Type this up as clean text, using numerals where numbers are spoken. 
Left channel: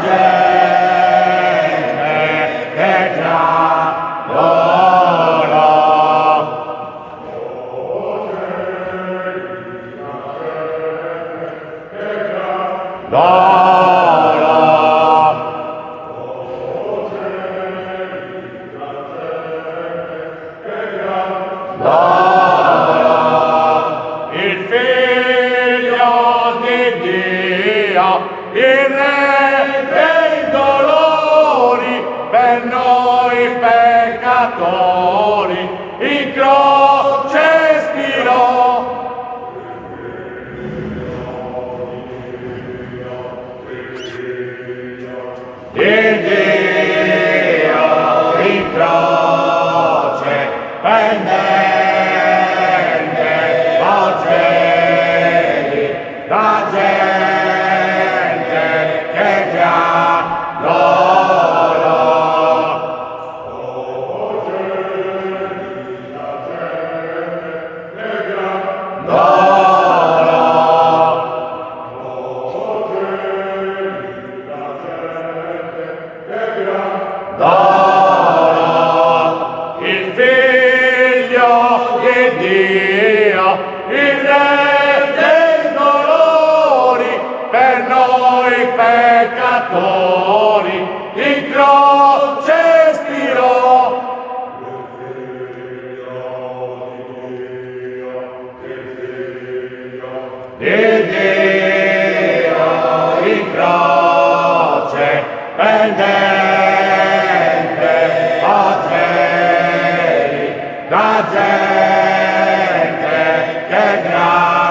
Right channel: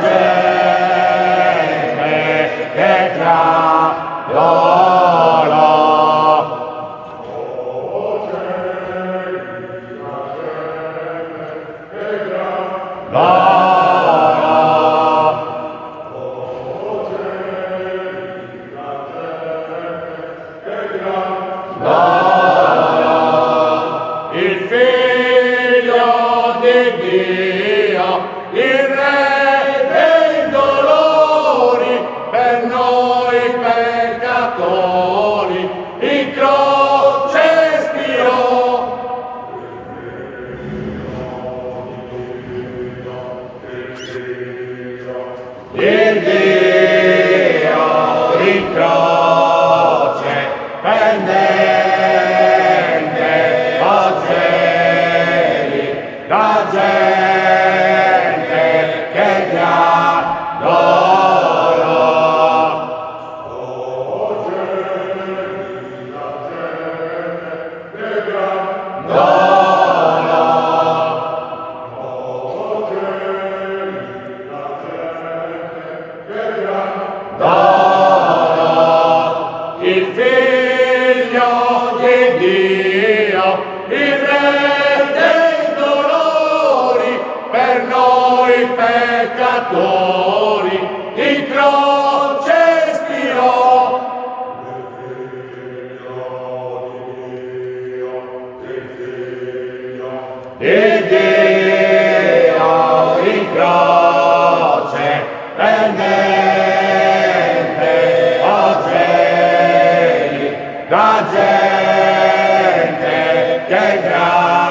gente che clamora. Il Figlio di Dio, il Re dei dolori, per noi peccatori, in croce spirò. Il Dio in croce pendente oggi, la gente che ti adora. Il Figlio di Dio, il Re dei dolori, per noi peccatori, in croce spirò. Il Dio in croce pendente oggi, la gente che gradora.